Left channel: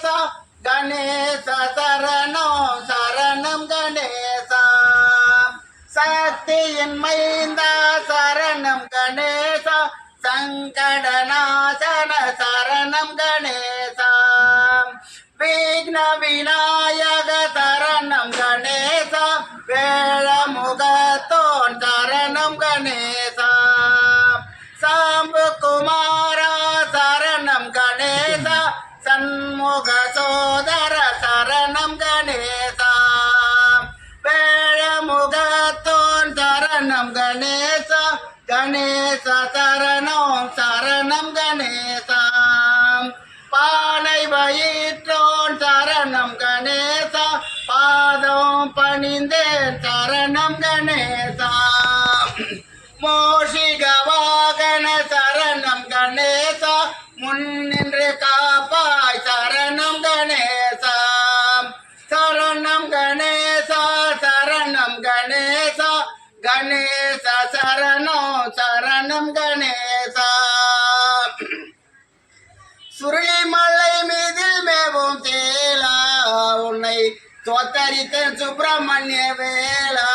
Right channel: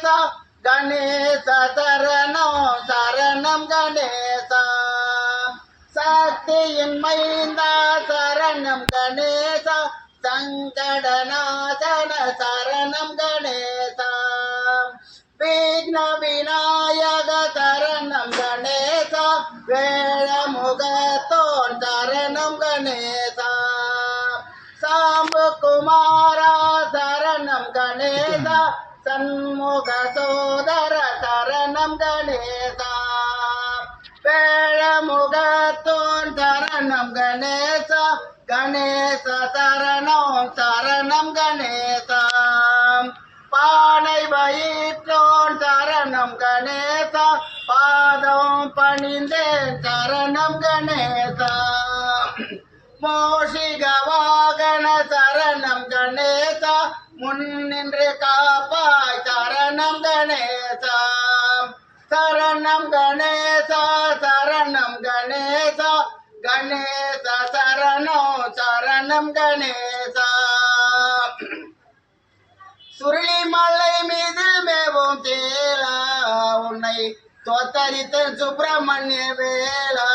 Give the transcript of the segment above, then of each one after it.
கணேசா கணேச சரணம் சரணம் கணேசா சக்தியின் மைந்தா சரணம் கணேசா சங்கடநாசன சரணம் கணேசா விக்ன விநாயக சரணம் கணேசா வேழமுகத்தோன் சரணம் கணேசா சாம்பு குமாரா சரணம் கணேசா சண்முக சோதர சரணம் கணேசா வேழமுகத்தோன் சரணம் கணேசா கணேச சரணம் சரணம் கணேசா பானை வயிற்றோன் சரணம் கணேசா பாதம் பணிந்தேன் சரணம் கணேசா மோஷிக வாகன சரணம் கணேசா முன்னின்று காப்பாய் சரணம் கணேசா சரணம் கணேசா சரணம் கணேசா கணேச சரணம் சரணம் கணேசா சுருளிமலை மீதில் மேவும் தேலா உன்னை தோத்தரித்தேன் சுப்பிரமணிய வேளா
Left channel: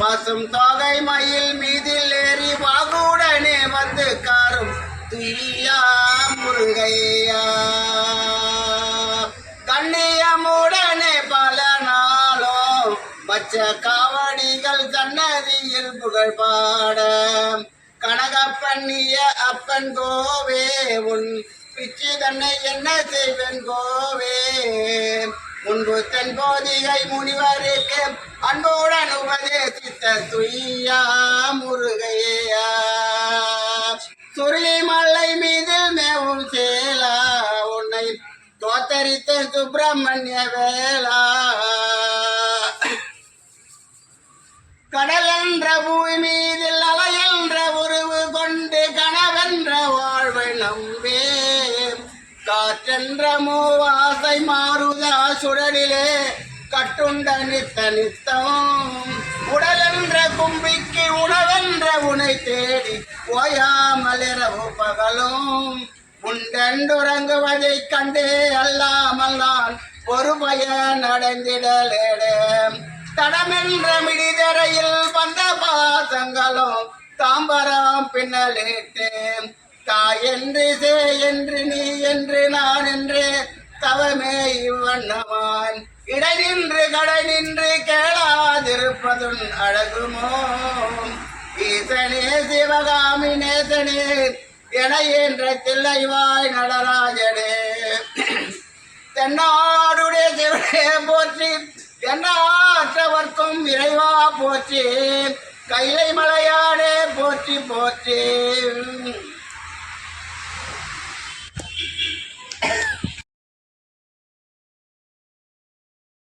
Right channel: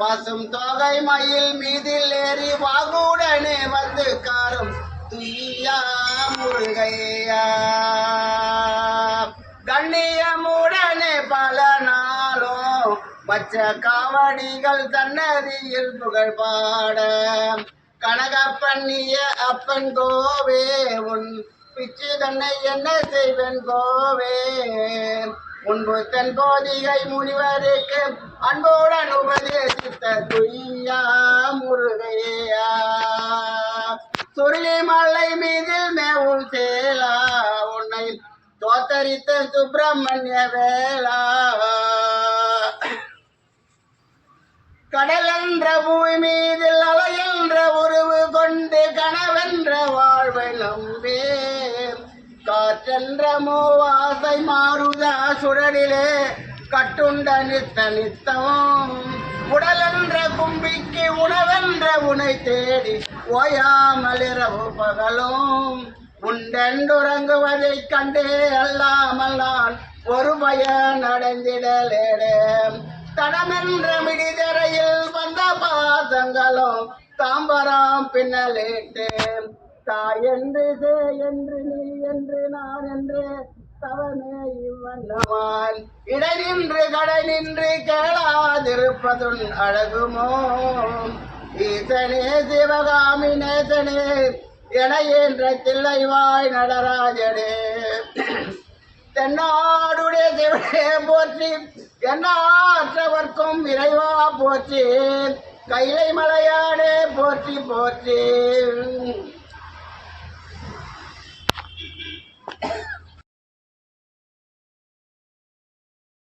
பசும் தொகை மயில் மீதில் ஏறி வாகுடனே வந்து காரும் துய்யா முருகையா கண்ணியமுடனே பல நாளும் பச்ச காவடிகள் சன்னதியில் புகழ் பாட கனகப்பண்ணிய அப்பன் கோவே உன் பிச்சு தன்னை என்ன செய்வன் கோவே முன்பு தன் போதிகை முனிவருக்கு அன்புடன் உபதேசித்த துய்யா முருகையா சுருளிமலை மீதில் மேவும் சேலா உன்னை தோத்தரித்த சுப்பிரமணிய வேளா கடல் என்ற பூமி மீதில் அலை என்ற உருவு கொண்டு கனவென்ற வாழ்வை நம்பே காற்றென்ற மூவாசை மாறுதா சுடலிலே கட்டுண்ட நித்த நித்தம் உடல் என்ற கும்பிக்கு உணவென்ற உனை தேடி ஓயாமல் இரவு பகலும் உண்டென்றுறங்குவதை கண்டே அல்லாமல் நான் ஒரு பயன் அடைந்திடலேடே தடமென்ற மிடிதரையில் வந்த பாசங்களும் தாம்பரம் பின்னலேட்டு தாய் என்று சே என்று நீ என்று நான் என்று தவமே இவ்வண்ணமான் இடை நின்று கடை நின்று கேளாதிருப்பதுன் அழகுமோ ஈசனே சிவகாமி நேசனே என என்ற தில்லைவாய் நடராஜனே தென்னாடுடைய சிவனே போற்றி என்னாற்றவர்க்கும் இறைவா போற்றி கைலை மலையானே போற்றி போற்றி